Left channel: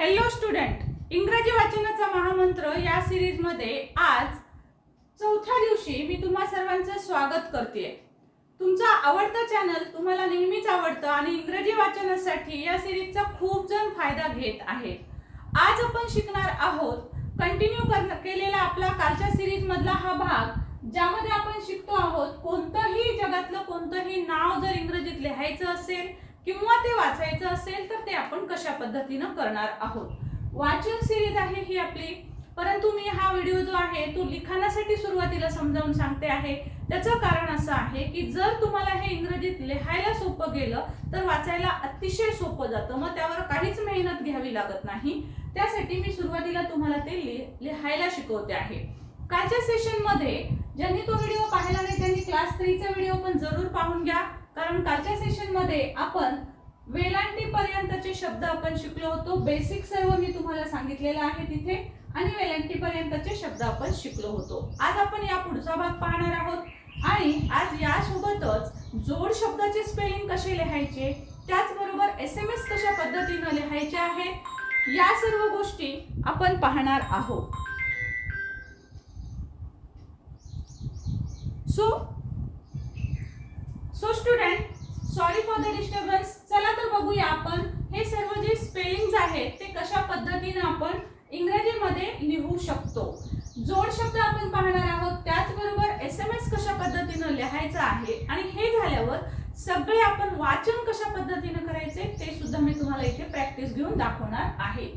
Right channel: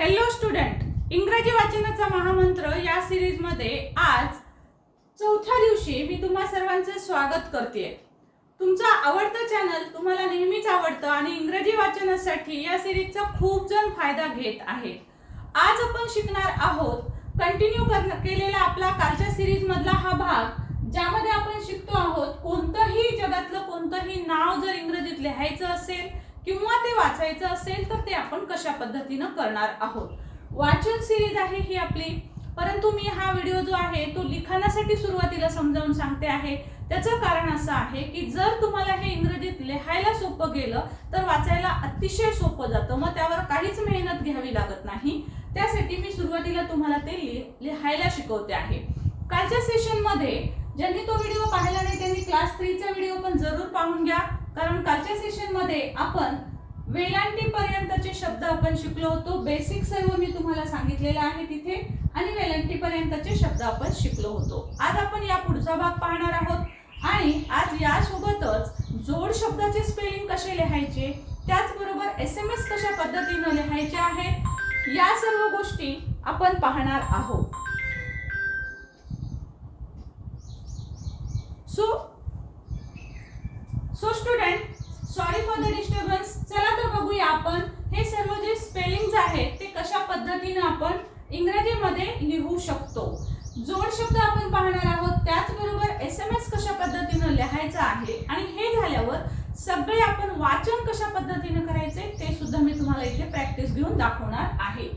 Hello student इंग्रजी वाचनाचा महामंत्र या सिरीजमध्ये आज चौथ्या दिवशी मी तुम्हा सर्वांचं स्वागत करते तुमचा आवडतं चॅनल तुम्हाला नेहमीच आवडतं आणि इंग्रजी वाचनासाठी या सिरीजचा खूप जण फायदा घेत आहेत आज आपण शिकणार आहोत कंटिन्यू कर केलेला आपला कालच्या सिरीजमधला हा भाग ज्यामध्ये आपण शिकतो आहोत कोणतंही जगातलं कोणतंही नाव जर इंग्रजीत लिहायचं असेल किंवा ते वाचायचं असेल तर ते आपण कशा पद्धतीनं करणार आहोत. वाचन सिरीज आहे ही आपली. परंतु मी हा व्हिडिओ जो आहे तो लिखाणासाठी सुरुवातीला समजावून सांगते आहे. त्याचं कारण असं आहे की जर तुम्हाला हे इंग्रजीत लिहायला सोपं गेलं तर वाचायला अतिशय सोपं जातं. मग त्यावर काहीच मेहनत घ्यावी लागत नाही. त्यासाठी मी सुरुवातीला तुम्हाला ते लि- लिहायला शिकवते आहे. कालच्या सेशनमध्ये ज्यांनी तो व्हिडिओ पाहिला नाही त्यांनी क्लास थ्रीचा व्हिडिओ पण जरूर पाहून घ्या. कारण कालच्या सेशनमध्ये आपण वेलांटी पर्यंतचे शब्द आपण शिकलो होतो. बेसिक सर्व मी तुम्हाला सांगितलेलं आहे तिथे. आणि वेलांटी पर्यंतचे शब्द आपण शिकलो होतो. आज आपण या पुढचा भाग पाहणार आहोत. आणि आज यासोबतच जोड शब्दाचे स्पेलिंग कसे लिहायचे त्याचबरोबर एस एम एस कशा पद्धतीनं लिहायचे आहे या सर्व गोष्टी आपण पाहणार आहोत. So so student sorry for the disturbance चला तर बघूया आपण हे सर्व जे स्पेलिंग्स आहेत ते कशा पद्धतीनं आपण इंग्रजीमध्ये लिहू शकतो. जोड शब्द आपण पाहणार आहोत त्याचबरोबर एस एम एस कशा पद्धतीनं लिहायचं आहे आणि हे झाल्यावर सगळे आपण वाचन कशा पद्धतीनं करायचे ते सुद्धा मी तुम्हाला इथे प्रॅक्टिस घेऊन दाखवणार आहे.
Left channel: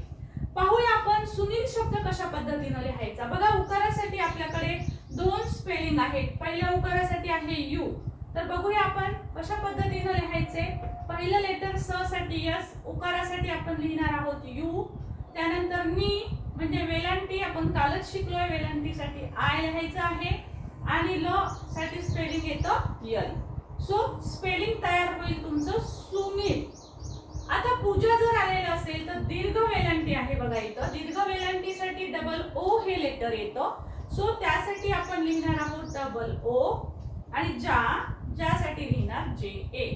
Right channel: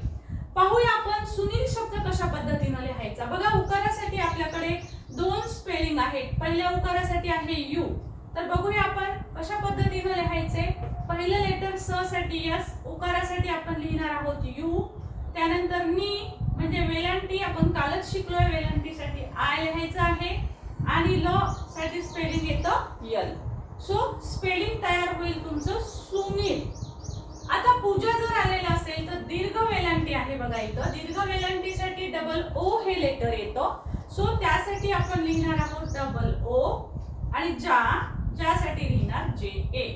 पाहूया आपण सुनील शब्द कशा पद्धतीनं लिहायचा. बघा उकारासाठी आपल्याकडे दोन स्पेलिंग आहेत. पहिल्या उकारासाठी आहे यू. तर बघूया आपण कशा पद्धतीनं लिहायचे. पहिलं लेटर स साठी यस उकारासाठी आपण लिहिणार आहोत यू त्यानंतर नी म्हणजे वेलांटी आपण कालच शिकलोय वेलांटीसाठी. आय लिहायचं आहे आणि ल साठी स्पेलिंग येतं यल सो स्पेलिंग तयार होईल तुमचं सुनील आता पूजा जर आलेलं असेल तर दीर्घ वेलांटी आहे बघा इथं. दीर्घ वेलांटीसाठी डबल ओ हे लेटर येतं. सो त्यासाठी आपण लिहिणार आहोत डबल ओ आणि जा ज्यासाठी लिहिणार J A.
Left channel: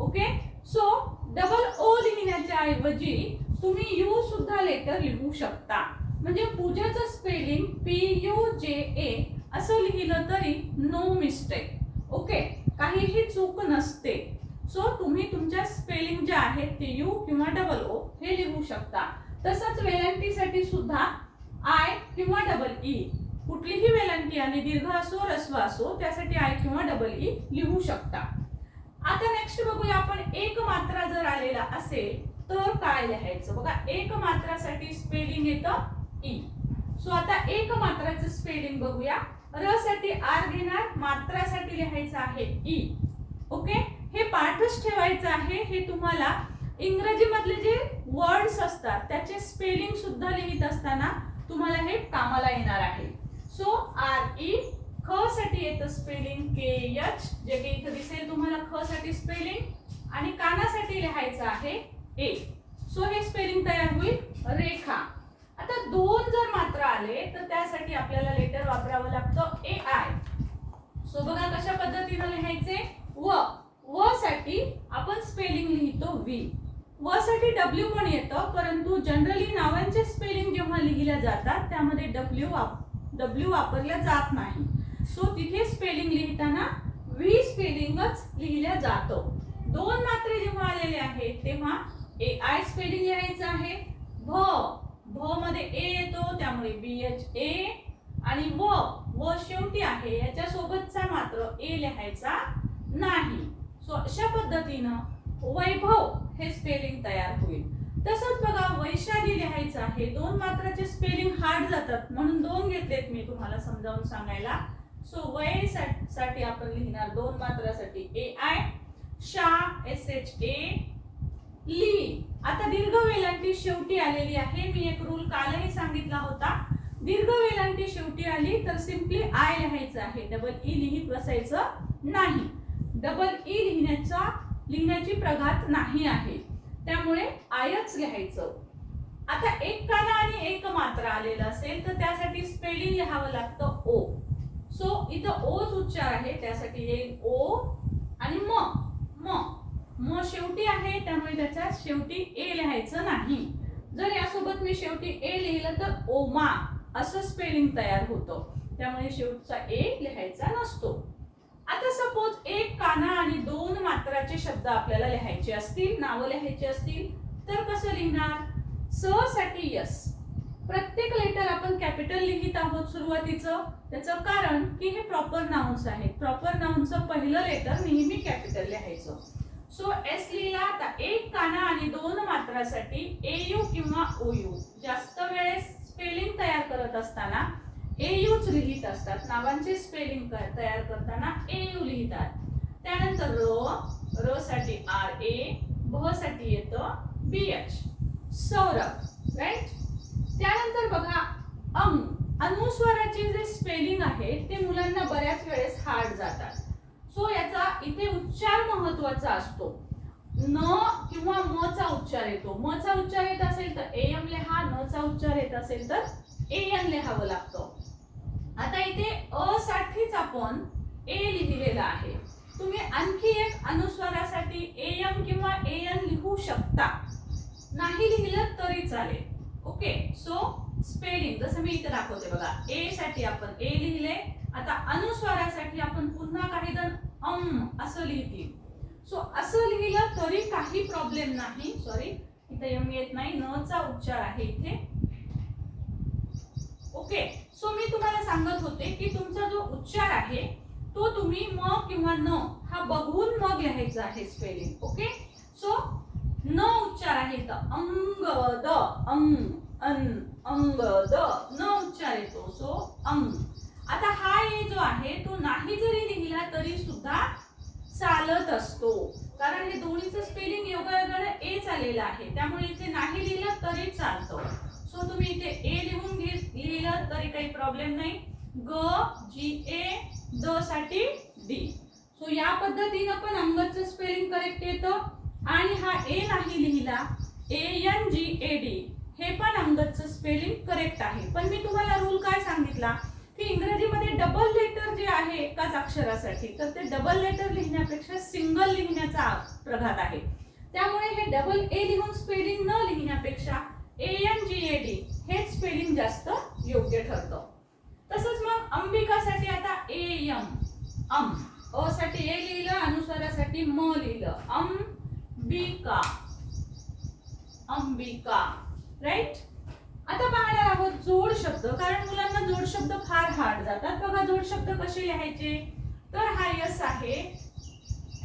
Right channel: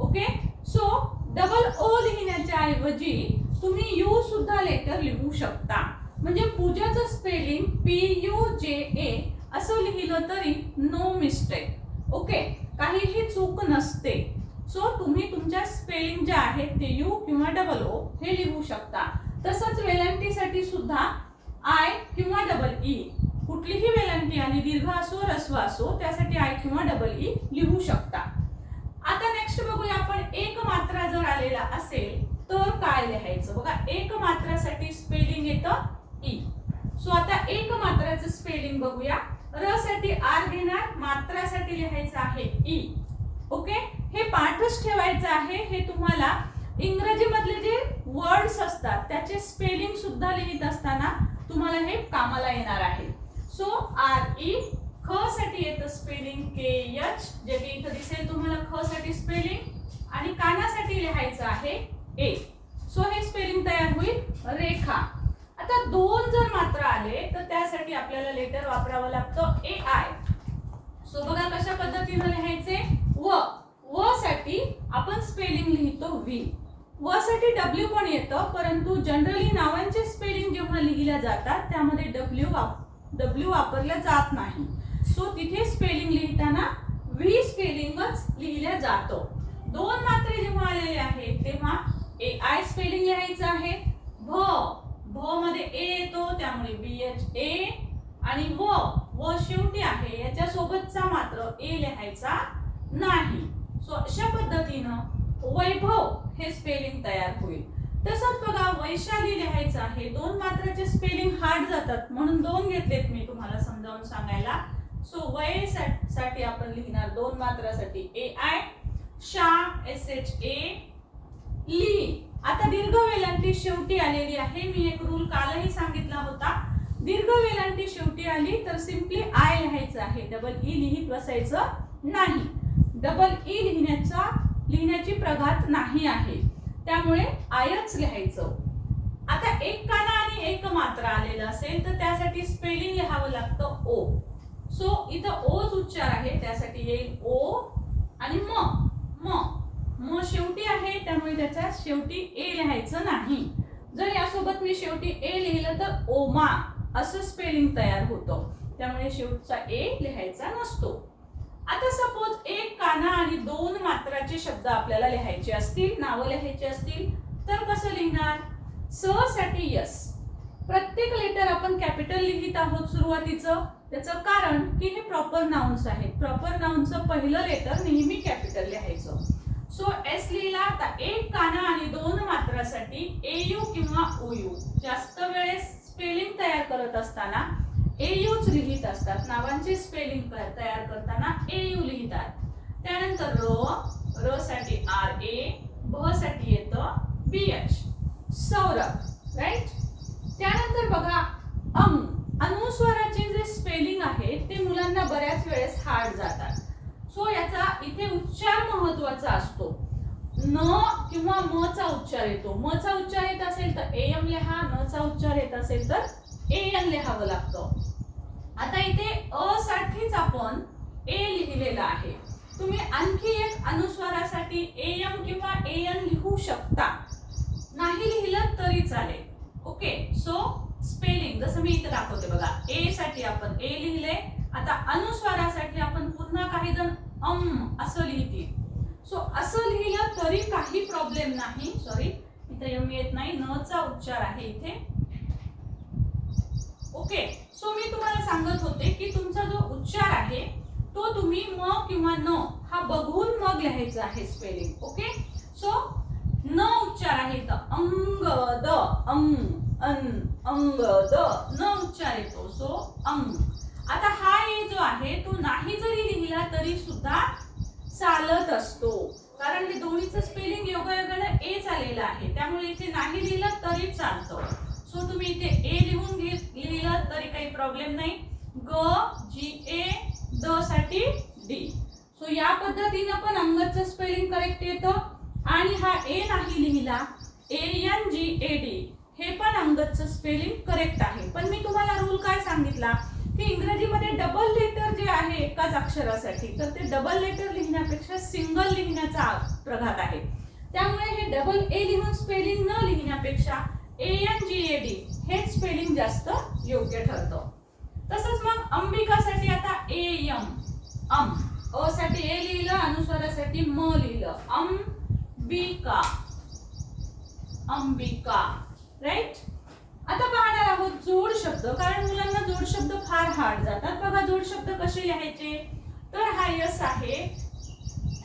Okay so double O लिहिण्याच्या ऐवजी तुम्ही यू सुद्धा लेटर लिहू शकता. म्हणजे पूजाचं स्पेलिंग पी यू जे ए असं लिहिलं तरी नो मिस्टेक ओके काहीही चूक नसते. सो तुम्ही तुमच्या स्पेलिंग ज्या आहेत ते यू किंवा डबल ओ हे लिहू शकता. तसंच वेलंटीसाठी सुद्धा आय किंवा डबल ई e. कुठलीही वेलांटी आली दीर्घ असो रस्व असो त्यासाठी आय किंवा डबल ई e लिहू शकता. आता नेक्स्ट बघूया आपण एक मात्रा जर आलेला असेल तर काय लिहायचं? बघा एक मात्रासाठी स्पेलिंग येतं e. ई सो आता एक मात्राचं स्पेलिंग बघूया. र साठी आर घेणार मात्रासाठी लिहायचं आहे e. ई ओके हे पाठच ठेवायचं आहे. हे तुम्हाला इंग्रजीमधले जे वर्ड्स असतात त्याचे स्पेलिंग सुद्धा लिहित असताना तुम्हाला हे कामाला येणार आहे. सो आर ई ख साठी येतं स्पेलिंग के एच जे की इथं दिसेल तुम्हाला ख साठी स्पेलिंग आणि कानासाठी लिहायचं आहे ए सो हे स्पेलिंग तयार होईल रेखा. आता दोन जर मात्र आले तर त्यासाठी आपल्याला लेटर वापरावं लागतं ए आय सो बघा कशा पद्धतीने लिहायचे? व. व साठी आपण स्पेलिंग लिहितो व्ही व साठी डब्ल्यू पण येतं परंतु जनरली नावांचे स्पेलिंग जेव्हा लिहिल्या जातात त्यामध्ये डब्ल्यू डब्ल्यू वापरल्या जात नाही. सो तिथे स्पेलिंग लिहिताना व्ही स्पेलिंगच लिहिल्या जातो. दोन मात्रे जेव्हा आलेले आहेत तेव्हा ए आय स्पेलिंग लिहायचं आहे. भ भ मध्ये ए येतो त्यामुळे बी एच ए आणि व व शेवटी आहे याच्या सोबतचा मात्र ए लिहायचा नाही. सो अशा पद्धतीनं वैभव हे स्पेलिंग तयार होईल. तसंच बघा वैशाली लिहायचं आहे. दोन मात्राचे स्पेलिंग हार्ड जातात. म्हणून दोन घेतलेत मी तुम्हाला समजावून सांगायला. सो वय सा- साठी आपण लिहिणार दोन मात्रासाठी ए आय शा एस एच ए ली आता दीर्घ वेलांटी शेवटी आलेली आहे. मी एक रूल कालही सांगितला होता. दीर्घ वेलांटी शेवटी आली तर सिम्पली आय लिहायचं आहे. डबल ई लिहित बसायचं नाही. डबल ई e लिहिण्याचा लिहिण्याची प्रघात नाही आहे. त्यामुळे आयच लिहायचं. आता एक काना आणि एक मात्रा आलेलं असेल तर त्यासाठी स्पेलिंग लिहावं लागतं ओ सो इथं ओच उच्चार आहे त्यासाठी येईल ओ आणि म. म. म शेवटी आहे त्यामुळे त्याच्या शेवटी ए लिहायचं नाही. जर यासोबत मी शेवटी ए लिहिलं तर ओमा असं स्पेलिंग तयार होतं. त्यामुळे शेवटचा ए लिहायचा नसतो. आता सपोज एक काना आणि दोन मात्राचे शब्द आपल्याला लिहायचे असतील नावं लिहायचे असतील तर कसं लिहिणार? स साठी यस. प्रत्येक लेटर आपण कॅपिटल लिहित आहोत सुरुवातीचं. त्याचं कारण की हे प्रॉपर नाउन्स आहेत. प्रॉपर नाउनचं पहिलं लेटर नेहमी कॅपिटल लिहायचं. सो एस लिहिला आता एक काना आणि दोन मात्रासाठी ए यू किंवा ओ यू जास्त वेळेस स्पेलिंग तयार करत असताना एयूच लिहित असतात. नावांचे स्पेलिंग तयार करताना एयू लिहितात. त्यानंतर रो र साठी आर ए भ साठी येतं बी एच. सौरभ राईट त्यानंतर बघा अम अनुस्वाराचे जे स्पेलिंग आहे ते मुलांना बऱ्याच वेळेस हार्ड जातात. सो याचा इथे उच्चार महत्त्वाचा असतो. न किंवा म चा उच्चार येतो. म चा उच्चार येत असेल तर ए एम लिहा न चा उच्चार येत असेल तर ए एन लिहावं लागतं. आता इथे अ साठीच आपण ए लिहिलेलं आहे. तुम्ही आणखी एक अनुस्वारासाठी ए एम किंवा ए एन लिहू शकता. नाही लिहिलं तरी चालेल. ओके? सो स्पेलिंग जसं मी इथे दाखवते बघा. ए साठी आपण ए लिहिले. आता अनुस्वारासाठी आपण पुन्हा काही जण अम असं लिहितील. सो असं लिहिलं तरी काही प्रॉब्लेम नाही. सॉरी इथे यम येत नाही. न चा उच्चार आहे इथे. ओके सो मी तुम्हाला सांगत होते की तुमचा जो उच्चार आहे तो तुम्ही म किंवा न हा बघून मग लिहायचा आहे स्पेलिंग ओके? सो न उच्चार आहे तर अंग द अंग अन अंग द न उच्चार येतो. सो अंग. आता हा ए जो आहे तो नाही जरी लिहिला तरी सुद्धा चालत असतो. कारण हे दोन्हीचं स्पेलिंग योगायोगाला ए आलेलं आहे. त्यामुळे इथे नाही लिहिलं तरी चालतं. सो तुम्ही इथे ए लिहून घे लिहिलं तरी काही प्रॉब्लेम नाही. ग जी ए द साठी डी सो या पद्धतीनं पण अंगदचं स्पेलिंग करेक्ट येतं. आणि हा ए नाही लिहिला ए एन जी ए डी हे पण अंगदचं स्पेलिंग करेक्ट आहे. पण मी तुम्हाला रूल काय सांगितला? की इंग्रजीमध्ये डबल लेटर जे आहे एकाच अक्षरासाठी तर ते डबल लेटर लिहिण्यापेक्षा सिंगल लिहिण्याचा प्रघात आहे. त्यामुळे हे डबल ए लिहून स्पेलिंग न लिहिण्यापेक्षा A N G A D हेच स्पेलिंग जास्त योग्य ठरतं. तसंच मग अंबिकासाठी आता ए यम अम. अ साठी ए लिहिलं अनुस्वारासाठी म लिहिलं. अंबिका. अंबिका. राईट आता पाहणार आहोत जोड शब्द कारण मुलांना जोड शब्द फार हार्ड जातात. बघा जोड शब्द कसे लिहायचे? तर हा यस आहे.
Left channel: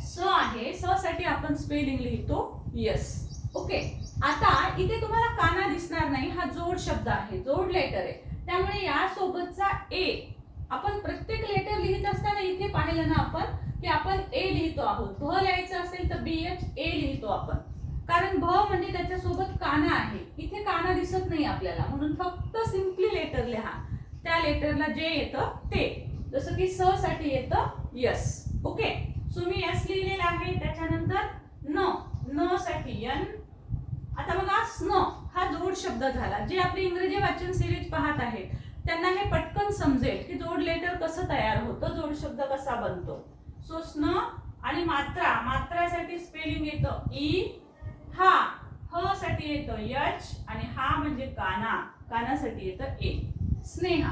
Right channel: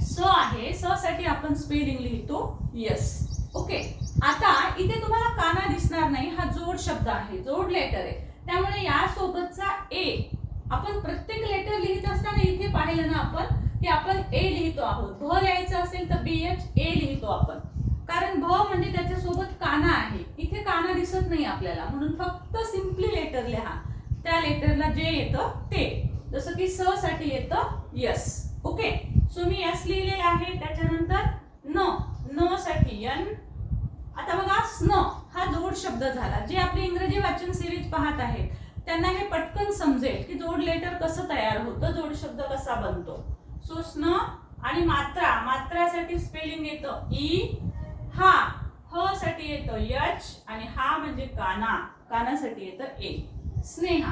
स आहे. स साठी आपण स्पेलिंग लिहितो यस. ओके आता इथे तुम्हाला काना दिसणार नाही हा जोड शब्द आहे जोड लेटर आहे. त्यामुळे यासोबतचा ए आपण प्रत्येक लेटर लिहित असताना इथे पाहिलं ना आपण की आपण ए लिहितो आहोत. भ लिहायचं असेल तर बी एच ए लिहितो आपण. कारण भ म्हणजे त्याच्यासोबत काना आहे. इथे काना दिसत नाही आपल्याला. म्हणून फक्त सिम्पली लेटर लिहा. त्या लेटरला जे येतं ते. जसं की स साठी येतं यस. ओके सो मी यस लिहिलेलं आहे. त्याच्यानंतर न. न साठी यन आता बघा स्न हा जोड शब्द झाला. जे आपली इंग्रजी वाचन सिरीज पाहत आहेत त्यांना हे पटकन समजेल की जोड लेटर कसं तयार होतं जोड शब्द कसा बनतो. सो स्न आणि मात्रा मात्रासाठी स्पेलिंग येतं ई हा ह साठी येतं यच आणि हा म्हणजे काना. कानासाठी येतं ए. स्नेहा.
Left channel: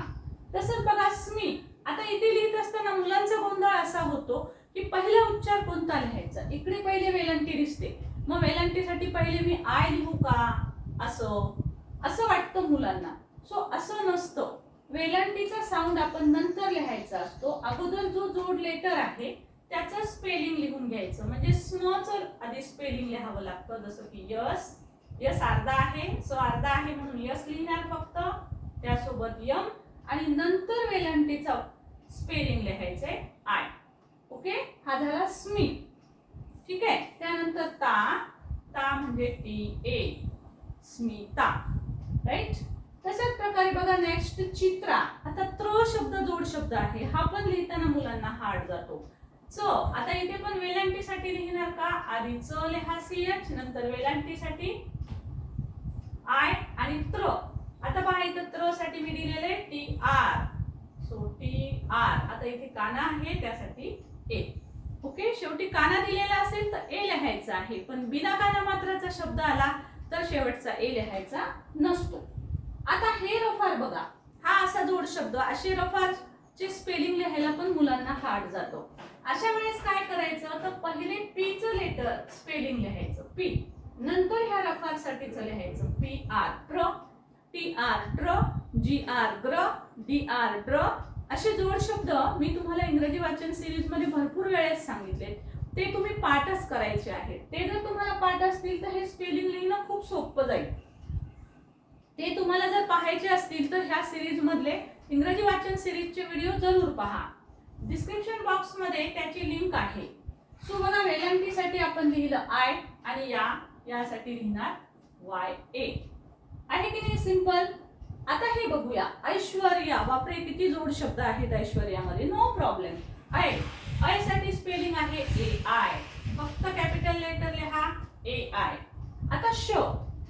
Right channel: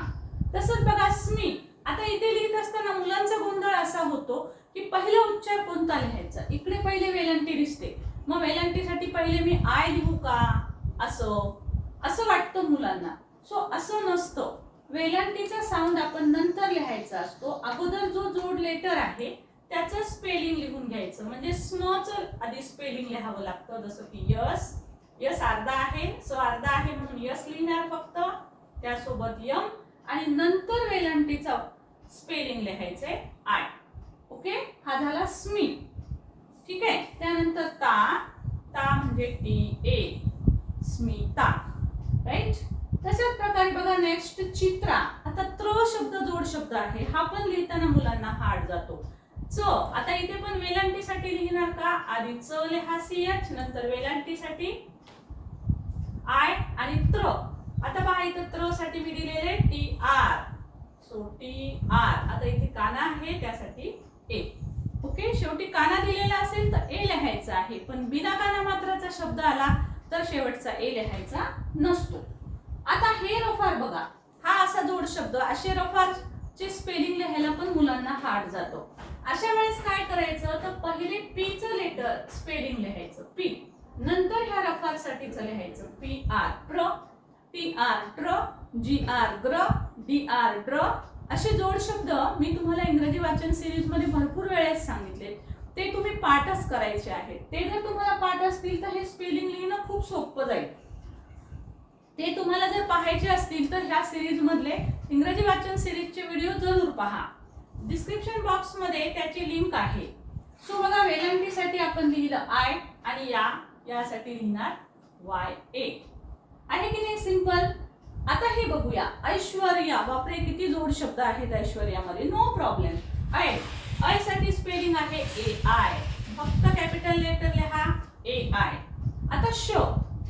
तसंच बघा स्मी. आता इथे लिहित असताना मुलांचा गोंधळ असा होतो की पहिला उच्चार कोणता लिहायचा? इकडे पहिले वेलंटी दिसते. मग वेलांटीसाठी पहिले मी आय लिहू का? असं. असं वाटतं मुलांना. सो असं नसतं. वेलांटीचा साऊंड आपण नंतर लिहायचा असतो. अगोदर जो जोड लेटर आहे त्याचं स्पेलिंग लिहून घ्यायचं. म्हणजे स्नचं आधी स्पेलिंग लिहावं लागतं. जसं की यस यस अर्धा आहे सो अर्धा आहे म्हणून यस लिहिणार फक्त. त्यासोबत यम. आणि नंतर वेलांटीचा स्पेलिंग लिहायचंय आय. ओके हा झाला स्मी. ठीक आहे? त्यानंतर ता ता म्हणजे टी ए स्मिता राईट तशाच प्रकारे बघा नेक्स्ट चित्रा. आता त्र शब्द जोड शब्द आहे. हा पण लिहिताना मुलांना हार्ड जातो. च आता इथे पण वेलांटीसाठी लिहिणार का? आधी च लिहा सी एच नंतर वेलांटीसाठी आय आणि त्र. आता पहा इथं त्रसाठी मी दिलेले T R. So T R. आता इथे काना आहे त्यासाठी ए. ओके शेवटी काना दिलेला असेल तर ए लिहायचा आहे पण बिना काना मात्राचा शब्द आला तर शेवटचा ए लिहायचा नसतो आता हे रफार बघा हा असा जोड शब्द असे रफारचे स्पेलिंग लिहायला पण मुलांना हार्ड जातो अशा वेळेस काय करायचं तर पहिले पी च लेटर स्पेलिंग लिहायचं पी नंतर ह्या रफार साठीच लिहायचं पी आर प्र टी आर ट्र जी आर ग्र डी आर ड्र असे जोड शब्द मी तुम्हाला इंग्रजी वाचन सिरीजमध्ये भरपूर वेळेस सांगितले. ते तुम्ही पाठच करायचे आहेत. ते जर तुम्हाला पाठ असतील तर हे स्पेलिंग लिहिणं खूप सोपं जाईल. ते तुम्हाला जर पाहायचे असतील तर ह्या सिरीज मधले इंग्रजी वाचन सिरीजचे व्हिडिओ जरूर पहा. डिस्क्रिप्शन बॉक्समध्ये त्याची लिंक आहे. सो बघा वेलांटीसाठी आपण लिहिलं आय आणि या यासाठी लिहिणार वाय ए आहे की नाही? सिंपल आता हे बघूया. ऐश्वर्या बापरे किती जोड शब्द आहेत ऐश्वर्यामध्ये. नो प्रॉब्लेम आय ऐ साठी स्पेलिंग आहे ए आय फक्त कॅपिटल लेटर लिहा. ए आय आता श.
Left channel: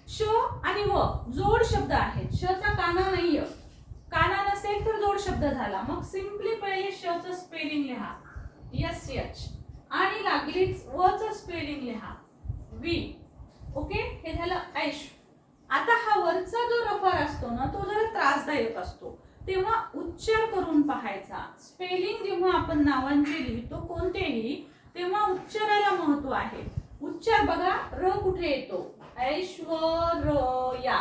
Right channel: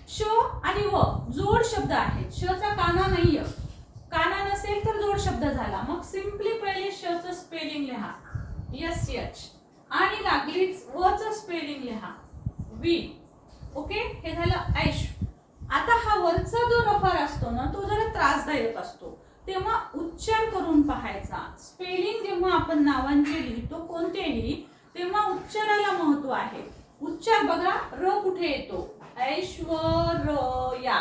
श आणि व जोड शब्द आहेत. शचा काना नाहीये. काना नसेल तर जोड शब्द झाला. मग सिम्पली पहिले श च स्पेलिंग लिहा. यस यच आणि लागलीच व च स्पेलिंग लिहा. वी ओके हे झालं ऐश. आता हा वरचा जो रफार असतो ना तो जरा त्रासदायक असतो. तेव्हा उच्चार करून पाहायचा. स्पेलिंग जेव्हा आपण नावांचे लिहितो कोणतेही तेव्हा उच्चाराला महत्त्व आहे. उच्चार बघा र कुठे येतो? ऐश्वर्या.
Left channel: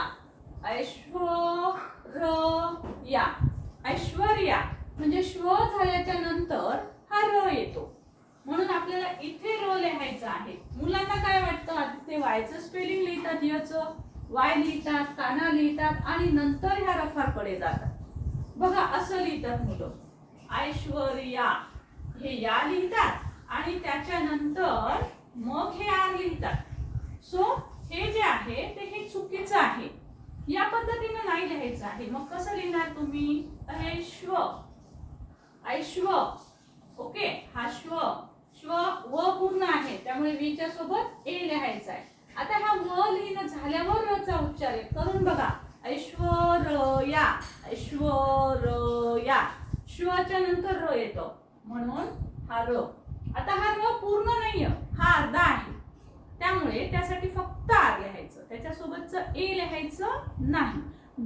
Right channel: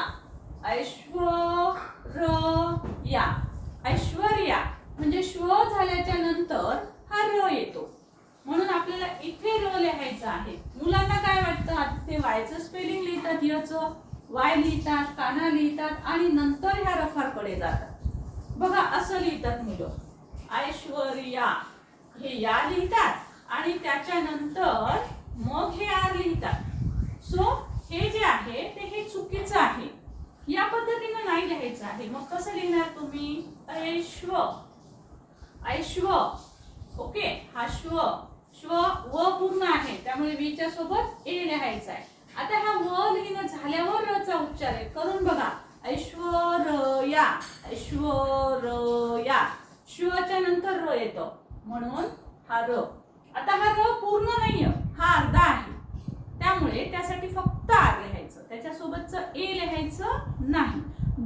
ऐश्वर्या. ऐश्वर्या. म्हणजे श्व झाल्याच्यानंतर हा र येतो. म्हणून आपल्याला इथे र लिहायचं आहे. मुलांना काय वाटतं? ते वायचं स्पेलिंग लिहितात याचं? वाय लिहितात काना लिहितात आणि नंतर ह्या रफाकडे जातात. बघा असं लिहितात मुलं. ऐश्वर्या हे या लिहितात आणि त्याच्यानंतर मग हे आर लिहितात. सो हे जे आहे ते हे चुकीचं आहे. या पद्धतीनं नाही लिहायचं आहे. मग कसं लिहिणार तुम्ही? ऐश्व. ऐश्व. ओके हा श्व. श्व व पूर्ण आहे. त्यामुळे वीच्या सोबत ए लिहायचं आहे. आता हा व लिहिणं झाल्यावर र चा उच्चार आहे. करून बघा. ऐश्वर या ऐश्वर या शिवाच्या नंतर र येतो. म्हणून हा र. आता हा र पूर्ण नाहीये. हा अर्धा आहे. त्यामुळे त्यासाठी फक्त आर लिहायचं. त्याच्यासोबतचं ए लिहायचं नाही.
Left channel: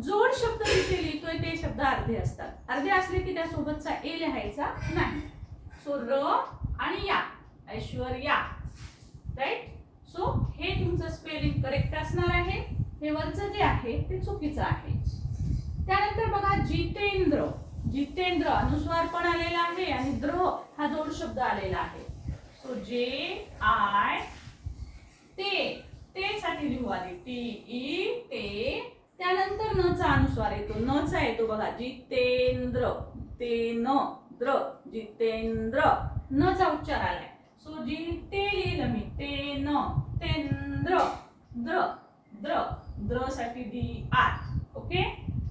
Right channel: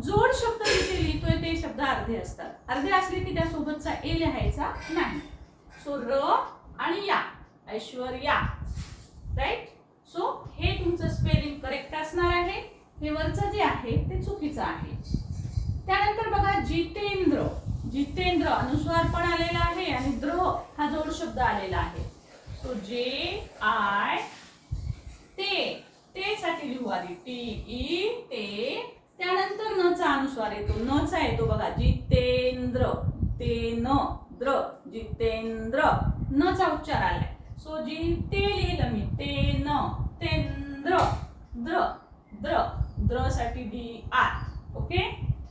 जोड शब्द जिथे लिहितोय ते शब्द अर्धे असतात. अर्धे असले की त्यासोबतचा ए लिहायचा नाही. सो र आणि या. ऐश्वर्या. राईट सो हे तुमचं स्पेलिंग करेक्ट असणार आहे. हे वरचं जे आहे ते चुकीचं आहे. त्यानंतर बघा जितेंद्र. जितेंद्र अनुस्वार पण आलेला आहे आणि द्र हा जोड शब्द आलेला आहे. सो जे आय ते ते साठी लिहू आधी. टी ई ते त्यानंतर न चा अनुस्वार येतो. न चा येतो बघा. जितेंद्र. ते न. द्र. जितेंद्र. न चा उच्चार आलाय. सो जी ते लिहिलं मी ते न तेंद्र द्र द्र द्रसाठी D R okay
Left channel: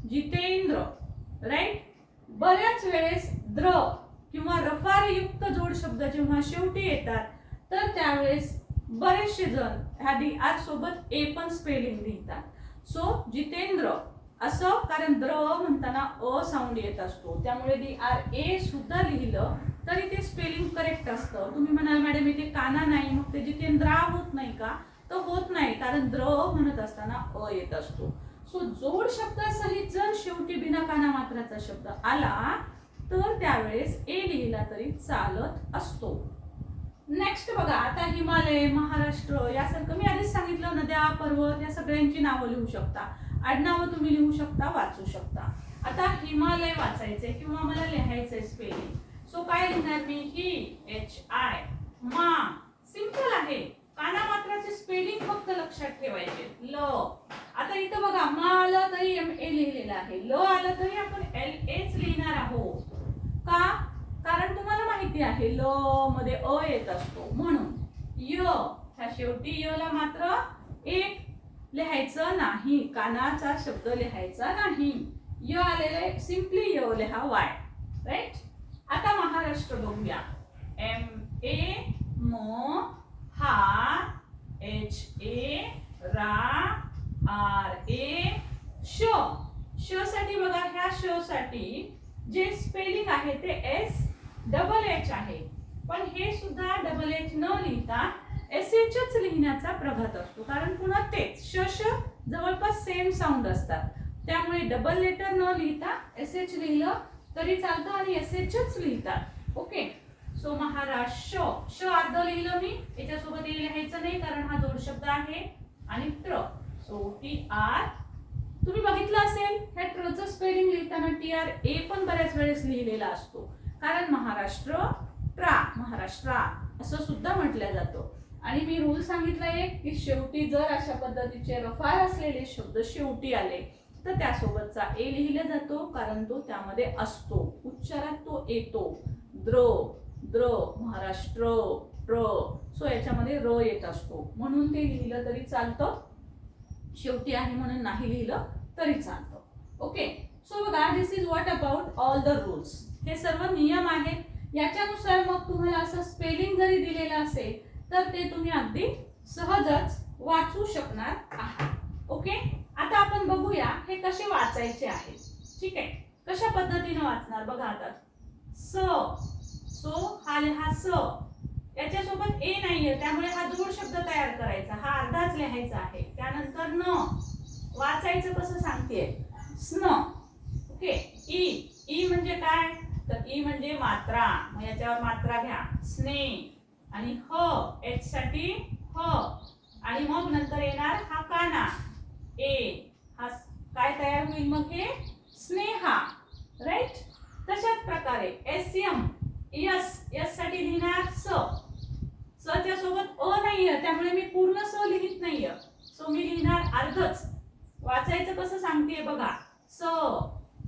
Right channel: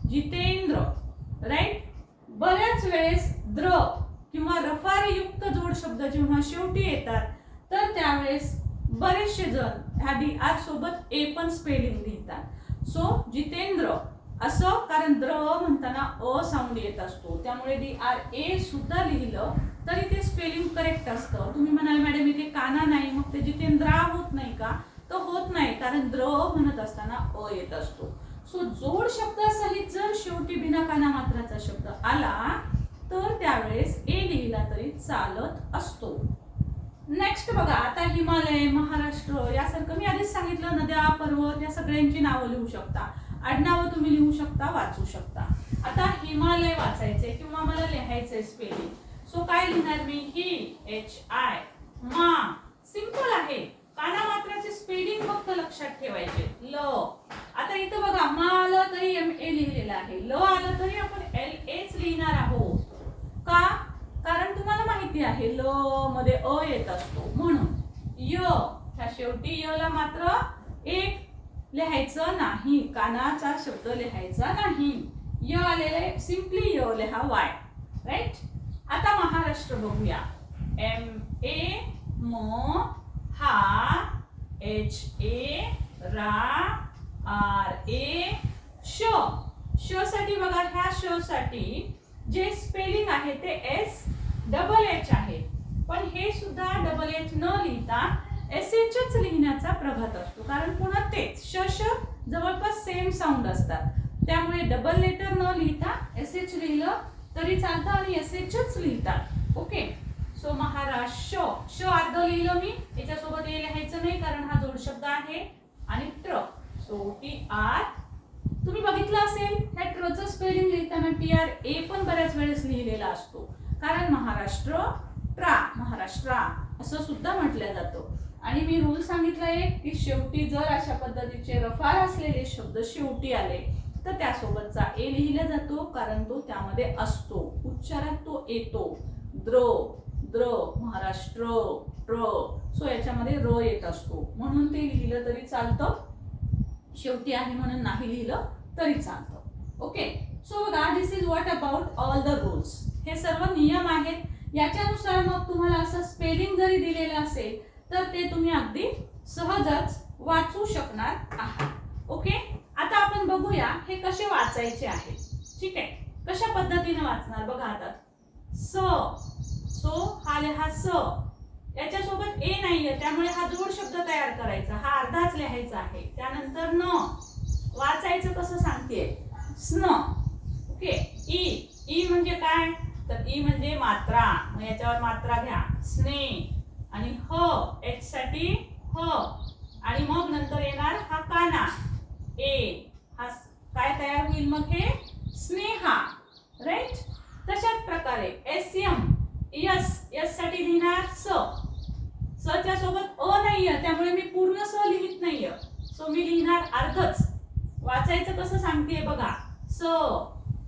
Jitendra right बऱ्याच वेळेस द्र किंवा रफारयुक्त जोड शब्द जेव्हा शेवटी येतात तर त्यावेळेस बरेचसे जण ह्या डी आर सोबत ए पण स्पेलिंग लिहितात सो जितेंद्र असं कारण द्र म्हणताना अ साऊंड येत असतो त्यामुळे डी आर ए सुद्धा लिहिलं तरी ते स्पेलिंग करेक्ट असतं. तुम्ही म्हणाल मॅडम इथे काना नाही मग ते जितेंद्रा होत नाही का तर होत नाही कारण द्र म्हणत असताना अ येत असतो. सो जोड शब्दासहित जर शेवटी बिना काना मात्राचा शब्द आला तर त्यावेळेस ए लिहिला तरी चालत असतो. नेक्स्ट बघा आता हिमालय महाराष्ट्र यासारखं मी आधीच सांगितलं नद्या पर्वत या सगळ्यांची नावं लिहू शकता. आडनावं तुम्ही लिहू शकता वाचू शकता. आता हिमालय वाचायचंय किंवा मला लिहायचंय स्पेलिंग सो काय लिहिणार मी? ही एच आय मा. सिंपल आहे. काना मात्राचे स्पेलिंग फक्त लक्षात ठेवायचे. ल. आता इथं बघा मा आलं तरी एम ए लिहिलेलं आहे. ल आलं तरी आपण एल एच लिहिणार आहोत. का? कारण तुम्हाला माहिती आहे ल मध्ये अ येत असतो. म्हणून य ह्या शेवटी य ला मात्र एक लिहायचं नाही. कानाचा शब्द लिहायचा नाही. य आलेले सिम्पली य लिहा वाय राईट आता महाराष्ट्र बघूया. एम ए म हा एच ए रा आर ए श. श साठी बघा ह्या श साठी जे स्पेलिंग आहे ते एस डबल एच आहे. पण हे सुद्धा डबल एच न लिहिता एस एचच लिहिण्याचा प्रघात असतो. कारण पुन्हा तेच श श जवळपास सेम साऊंड असतात. त्यामुळे डबल लेटर न लिहिता एस एच लिहिलं तरी चालतं आणि एस एचच लिहितात. ओके सो महाराष्ट्र श. अर्ध लिहिलं मी. याच्यासोबत ए लिहायचं नाही कारण हा जोडशब्द आहे. आणि ट्र. सो टी आर तुम्ही बघितलं असेल ह्या ट्रचं स्पेलिंग लिहिताना टी आर ए पण बऱ्याच वेळेस लिहिलेला असतो. कारण महाराष्ट्र ट्रा महाराष्ट्रा असं सुद्धा म्हटलं जातं. आणि मी रूल सांगितलाय की शेवटी जर अशा पद्धतीचे रफार असलेले शब्द शेवटी आले तर त्यासोबतचा ए लिहिला जातो कारण तो त्यामध्ये असतो. उच्चारात तो येतो. द्र द्र महाराष्ट्र ट्र. सो याच्यामध्ये र येत असतो. म्हणून ते लिहिलं तरी चालतं. शेवटी आहे म्हणून नाही लिहिलं तरी चालतं. ओके सो बघा this is what about all the rules हे सर्व नियम आहेत. याच्यानुसार मग तुम्हाला असं स्पेलिंग जरी दिलेलं असेल तर ते तुम्ही अगदी सहजच वाचू शकणार आहात. ओके आता आपण बघूया हे कसे वाचायचे आहे. ठीक आहे? कशा पद्धतीने वाचणार बघा आता. स. सो हा लिहा स. याच्यासोबत ए नाहीये त्यामुळे हा जोड शब्द तयार करायचा. हा अर्धाच लिहायचा आहे. त्यानंतर न. वाचायचं कसं सांगते स्न. ओके? ई. ई म्हणजे काय? तर ई म्हणजे मात्रा. मग याच्यावर मात्रा घ्या. स्ने. आणि ह. एच साठी ह. आणि मग नंतर येणार हा काना. ए हा काय तयार होईल मग हे? स्नेहा राईट तशाच प्रकारे एस एम यस यससाठी लिहिणार स. स च्या सोबत अ नाहीये त्यामुळे मी पूर्ण स लिहित नाहीये. सो मी लिहिणार अर्धच. वाचायचं कसं सांगते बघा. स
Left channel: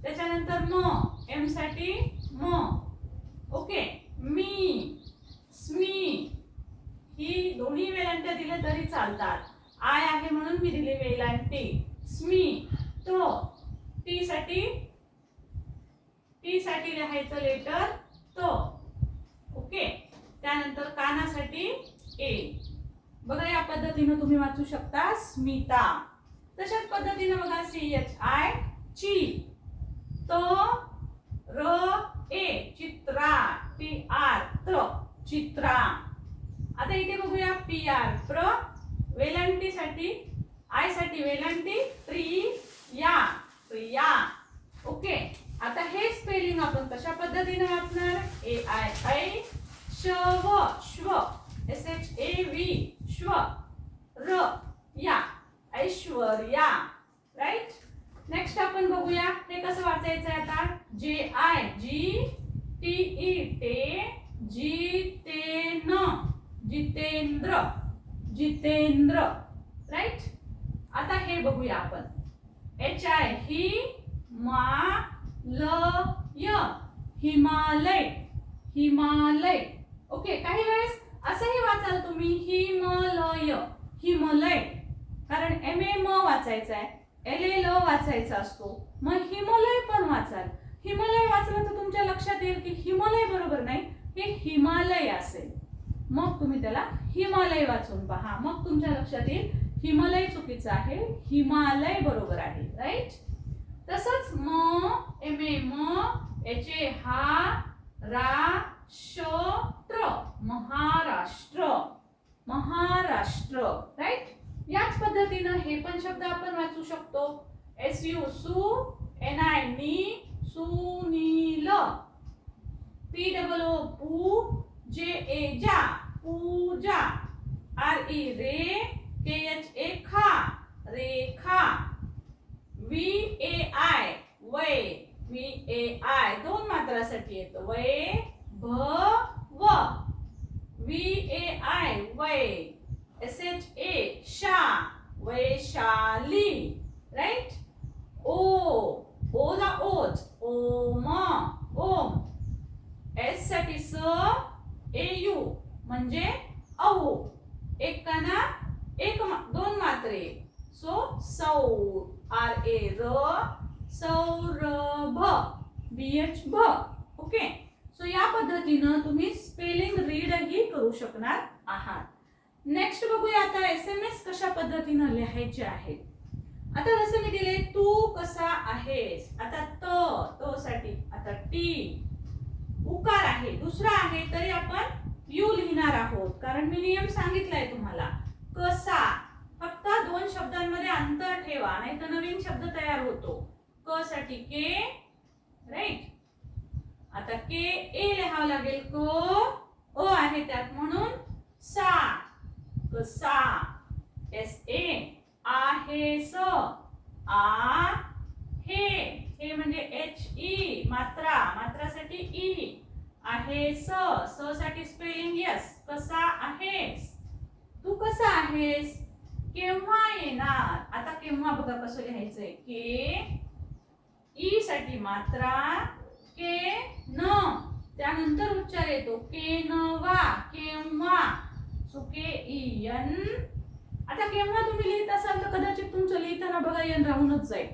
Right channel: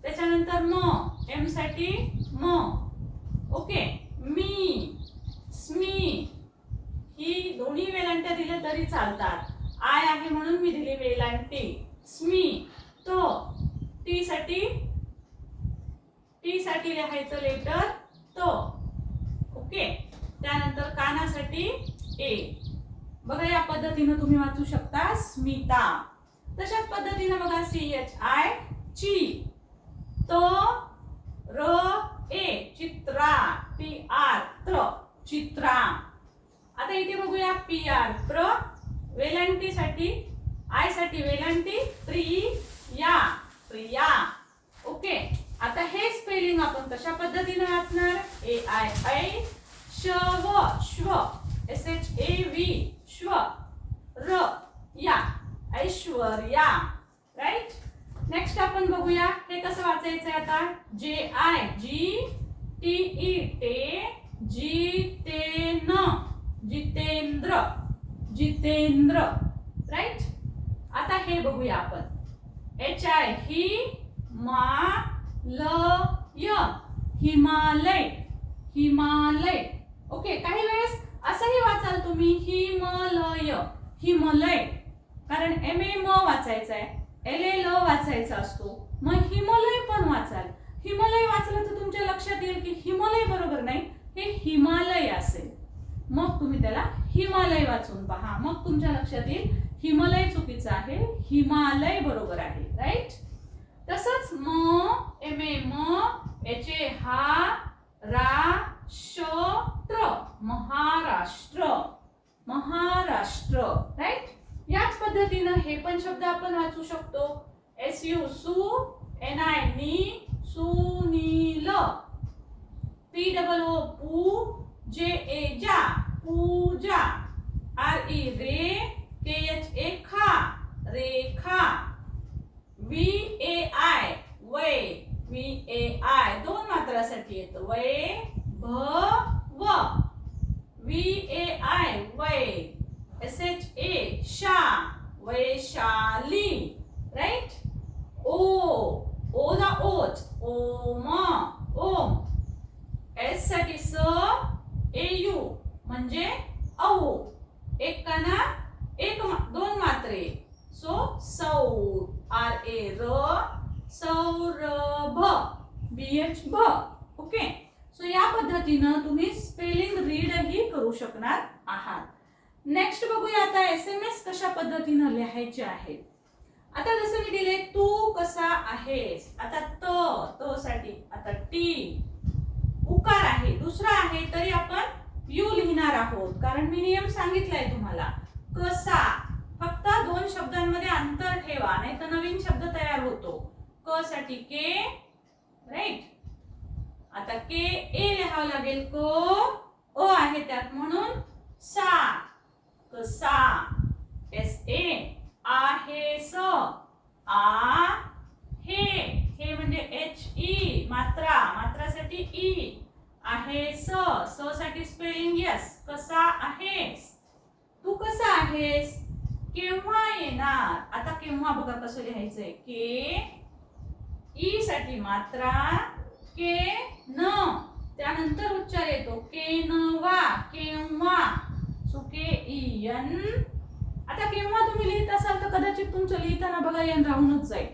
त्याच्यानंतर म एमसाठी म. ओके मी स्मी. ही दोन्ही वेलांट्या दिल्या तरी चालतात. आय आहे म्हणून मी दिली वेलांटी स्मी तो टी साठी टी साठी लिहायचं लेटर तो. ओके त्यानंतर कानासाठी ए बघा या पद्धतीनं तुम्ही वाचू शकता स्मिता. तशाच पद्धतीनं बघा सी एच आय ची तो र ए चित्रा. टी आर त्र चित्रा. आता इथे बघूया पी आर प्र वेलांटी साठी आयसाठी वेलांटी प्रिया प्रिया. ओके आता हे स्पेलिंग आपण कशा पद्धतीने वाचणार? ए आय ऐ श व श्व. एस एच ए व्ही श्व र या. ऐश्वर्या. राईट नेक्स्ट आपण बघूया हे कसं वाचायचं आहे आता जे आय जी टी ई टे जी ते न जितेंद्र जितेंद्र राईट आता हे बघूया आपण. एच आय ही मा ल य हिमालय हिमालय. ओके काही वेळेस असंही वाचाल तुम्ही हिमलय हिमलय. कारण एम ए म वाचायचं आहे एल ए ल वाचायचा असतो. मग हिमलय पण वाचाल. हिमालय वाचलं तर तुमच्या लक्षात येईल की हिमालय बरोबर नाही हे हिमालय असेल. मग तुम्ही त्याला हिमालय वाचून पहा. मग तुमच्या लक्षात येईल हिमालय चुकीचं आहे हिमालय बरोबर आहे राईट तसंच म एम ए म एच ए हा रा श ट्र महाराष्ट्र महाराष्ट्र राईट याच पद्धतीनं हे पण शब्द आपण वाचू शकतो. एस यू सु एन आय नी सुनील पी डबल ओ पू जे ए जा. पूजा। आर ई रे के एच ए खा रेखा। वी ए आय वय। वी ए आय दोन मात्रासाठी येतं. वय भ व। वी ए आय वय. एस एच ए शा। वैशाली राईट ओ ओ ला ओज ओम ओम एससाठी स ए यू म्हणजे अहो. एक काना एक मा- दोन मात्रे. सो सौर आर ए र सौरभ. बी एच भ. ओके? सो या पद्धतीनं तुम्ही स्पेलिंग रीडही करू शकणार आहात. नेक्स्ट बघूया आता एस एम एस कशा पद्धतीनं लिहायचे आहेत आता जसं मी दिले तू कसा आहेस? आता त तो साठी. आता टी. उकार आहे. दुसरा आहे तरी आपण यू लिहिणार आहोत. कारण मी नियम सांगितलाय तुम्हाला. कसा? फक्त दोन शब्दांमध्ये अंतर ठेवा नाही तर नवीन शब्द तयार होतो. क साठी के राईट आता के ए लिहावं लागेल. क ओ आहे त्यात म्हणून सा. कसा? एस ए आहे स. आ हे. हे म्हणजे एच ई e, मात्रा. मात्रासाठी ई आहे स. स साठी स्पेलिंग यस कसा आहेस? तू कसा आहेस? केव्हा येणार? आता केव्हा बघा कसं लिहायचंय. के ई साठी मात्रा के न. त्यानंतर उच्चार येतो. के न वा केव्हा? सुके इयन ई आता केव्हा तुम्ही लिहित असाल तर कदाचित तुमचं लिहिताना बघा यन राहूनच जाईल.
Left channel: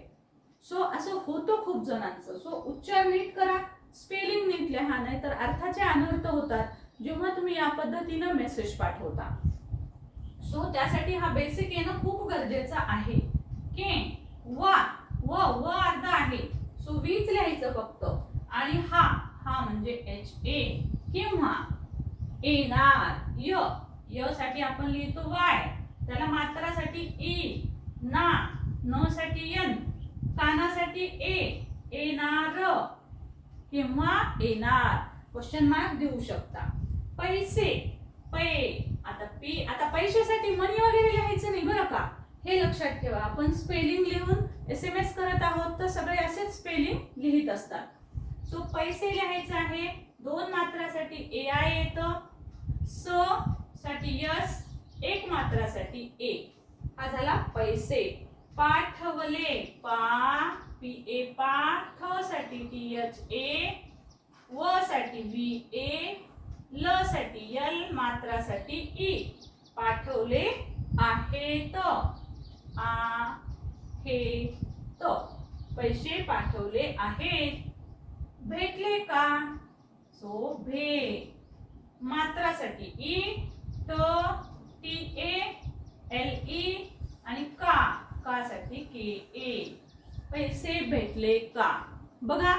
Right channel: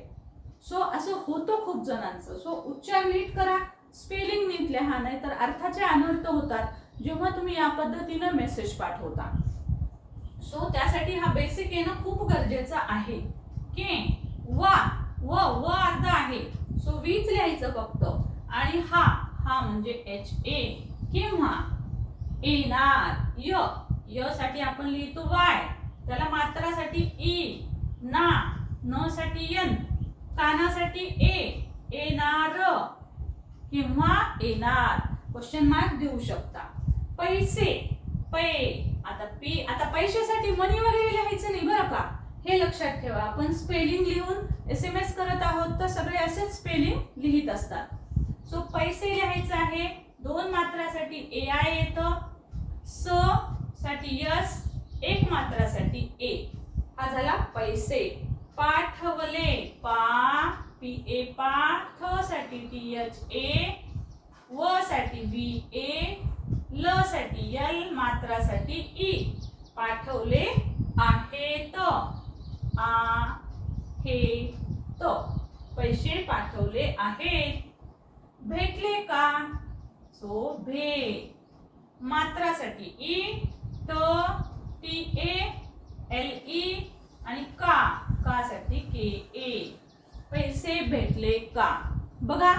सो असं होतं खूप जणांचं. सो उच्चार नीट करा. स्पेलिंग नीट लिहा नाही तर अर्थाचे अनर्थ होतात जेव्हा तुम्ही या पद्धतीनं मेसेज पाठवता. सो त्यासाठी हा बेसिक येणं खूप गरजेचं आहे. के वा व व अर्ध आहे. सो वीच लिहायचं फक्त. आणि हा हा म्हणजे एच ए किंवा येणार य. य साठी आपण लिहितो वाय. त्याला मात्रासाठी ई ना. न साठी यन कानासाठी ए. येणार किंवा येणार? क्वेश्चन मार्क देऊ शकता. पैसे पै. आता पी आता पैशासाठी मनी वगैरे लिहायचं नाही बरं का? हे लक्षात ठेवा. आपण स्पेलिंग लिहून एस एम एस करत आहोत तर सगळे असेच स्पेलिंग लिहित असतात. सो पैसे लिहायचं आहे. दोन मात्रासाठी ए आय येतं. स साठी यस एक मात्रासाठी ए हा झाला पैसे. पाठवले. पा पी ए पा थ साठी टी एच ए व साठी व्ही ए ल साठी यल मात्रासाठी ई पाठवले आहेत. आ हे त पैसे पाठवले आहेत. भेटले का? सो भे मात्रासाठी ई त टी ए एल ई आणि का? कासाठी के ए पैसे भेटले का? बघा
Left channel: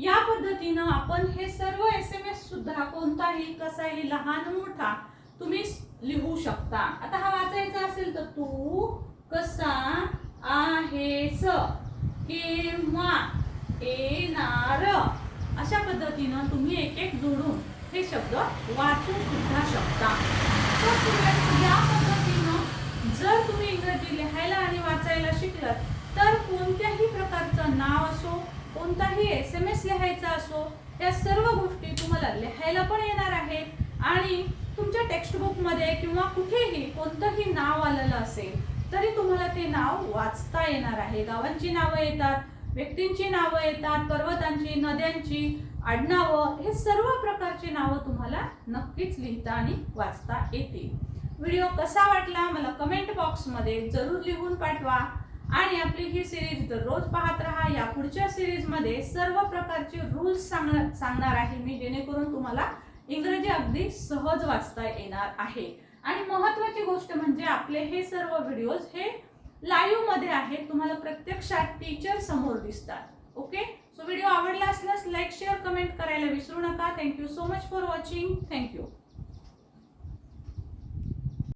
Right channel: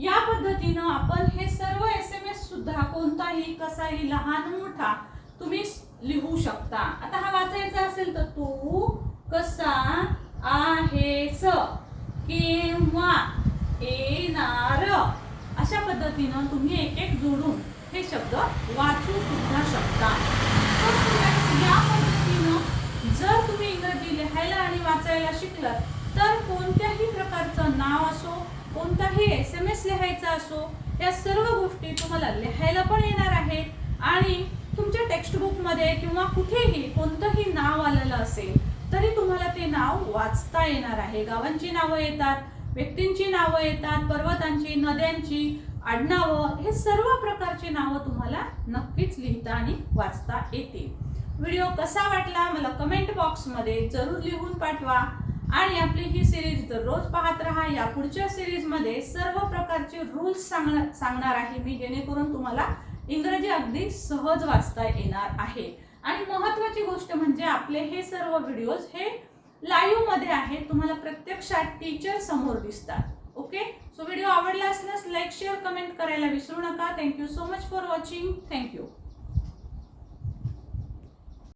या पद्धतीनं आपण हे सर्व एस एम एस सुद्धा कोणताही कसाही लहान मोठा तुम्ही लिहू शकता. आता हा वाचायचा असेल तर तू कसा आहेस? केव्हा येणार? अशा पद्धतीनं तुम्ही एक एक जोडून हे शब्द वाचू सुद्धा शकता. या पद्धतीनं जर तुम्ही इंग्रजी लिहायला आणि वाचायला शिकलात तर कोणत्याही प्रकारचं नाव असो कोणताही एस एम एस लिहायचा असो या सर्व गोष्टी तुम्हाला लिहायला पण येणार आहे आणि तुमच्या टेक्स्टबुकमध्ये किंवा कुठेही कोणतंही नाव आलेलं असेल तरी तुम्हाला ते नाव वाचता येणार आहे. गावांची नावं येतात व्यक्तींची नावं येतात पर्वतांची नद्यांची आडनावं हे सर्व प्रकारची नावं तुम्हाला नक्कीच लिहिता आणि वाचता येतील. व्हिडिओ कसा वाटला मला कमेंट बॉक्समध्ये जरूर लिहून पाठवा. आणि आपली ही सिरीज दररोज पाहत राहा. या पुढच्या सिरीजमध्ये सर्व प्रकारचे रूल्स सांगणार सांगणार आहे मी जेणेकरून तुम्हाला इंग्रजी अगदी सहज वाचता येणार आहे. आणि महत्त्वाची गोष्ट म्हणजे आपले हे सर्व व्हिडिओज हे लाईव्हमध्ये आहेत. तुम्हाला प्रत्यक्षात टीचर समोर दिसतात. ओके सो व्हिडिओ आवडला असल्यास लाईक शेअर कमेंट करायला विसरू नका. Thank you so much for watching thank you